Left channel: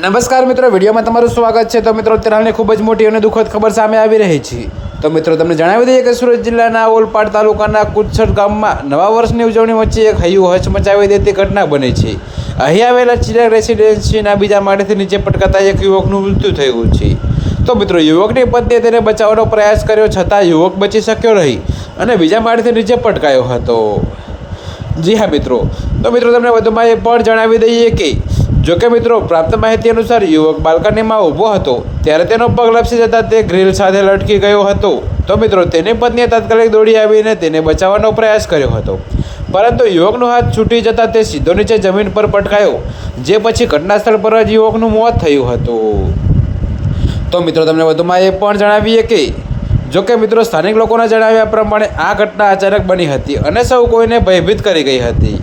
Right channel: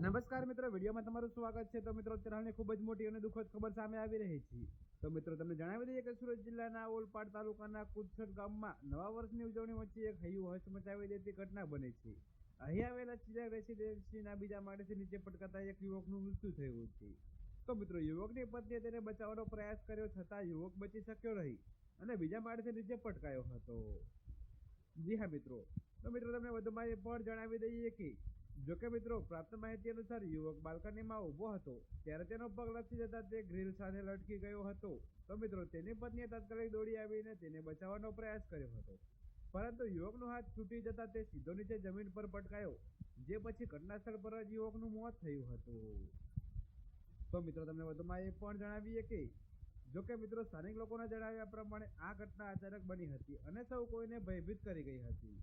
નમસ્કાર મિત્રો, વિડીયોમાં તમારું સ્વાગત છે। તો મિત્રો, અત્યારે હાલની ખૂબ જ મોટી અને દુઃખદ ખબર સામે આવી રહી છે। તો મિત્રો, તમને જણાવી દઈએ કે સુરત જિલ્લાના ઓલપાડ તાલુકાના કુચ્છડ ગામમાં નવા વર્ષની ઉજવણી વચ્ચે એક હૈયું હચમચાવી દેતી ઘટના બની છે। અહીં આવેલા ચિરાગ રેસિડેન્સીના બીજા માળેથી નીચે પટકાતા એક યુવકનું મૃત્યુ થયું છે। તો મિત્રો, યુવકની પત્નીએ તેને બચાવવાનો પ્રયાસ કર્યો, છતાં યુવક બચી શક્યો નહીં અને બીજા માળેથી નીચે પટકાયો હતો। જી હા મિત્રો, તો મિત્રો તમને વધુમાં એ પણ જણાવી દઈએ કે જોકે મિત્રો, પ્રાપ્ત માહિતી અનુસાર યુવક બાલ્કનીમાં ઊભો હતો ત્યારે તેનો પગ લપસી જતાં તે ગ્રીલ સાથે લટકી ગયો હતો। તો મિત્રો, તેની પત્નીએ તાત્કાલિક દોડી આવીને તેને બચાવવાનો પ્રયાસ કર્યો હતો, પરંતુ યુવકનો હાથ છૂટી જતાં તે સીધો નીચે જમીન પર પટકાયો, જે પછી ઘટના સ્થળ પર જ યુવકનું મોત થયું હતું। તો મિત્રો, તમને વધુમાં એ પણ જણાવીએ કે જોકે મિત્રો, સ્થાનિક લોકોના જણાવ્યા પ્રમાણે આ ઘટના અચાનક બની હતી અને સૌ કોઈને ભયભીત કરી ગઈ હતી।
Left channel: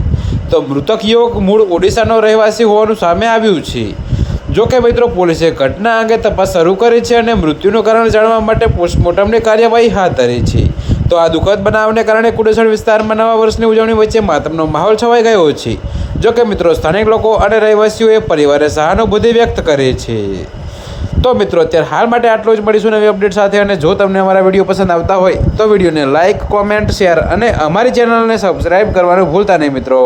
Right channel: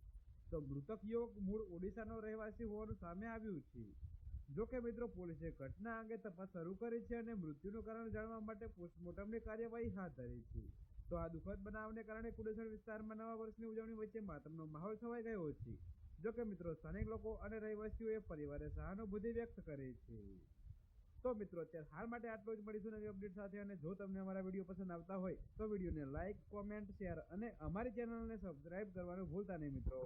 તો મૃતક યુવક મૂળ ઓડિશાનો રહેવાસી હોવાનું સામે આવ્યું છે। જોકે મિત્રો, પોલીસે ઘટના અંગે તપાસ શરૂ કરી છે અને મૃત્યુનું કારણ જાણવા માટે પોસ્ટમોર્ટમની કાર્યવાહી હાથ ધરી છે। તો આ દુઃખદ બનાવને કારણે કુડેસણ વિસ્તારમાં નવા વર્ષની ઉજવણી વચ્ચે માતમનો માહોલ છવાઈ ગયો છે। જોકે મિત્રો, સ્થાનિક લોકો અને રહેવાસીઓએ પરિવારે સહાનુભૂતિ વ્યક્ત કરી છે। તો મિત્રો, અત્યારે હાલ માટે આટલું જ। મળીશું નવી અપડેટ સાથે। અને જો તમને અમારા વિડીયો પસંદ આવતા હોય તો વિડીયોને લાઇક, કોમેન્ટ, શેર અને અમારી ચેનલને સબસ્ક્રાઈબ કરવાનું ભૂલતા નહીં મિત્રો।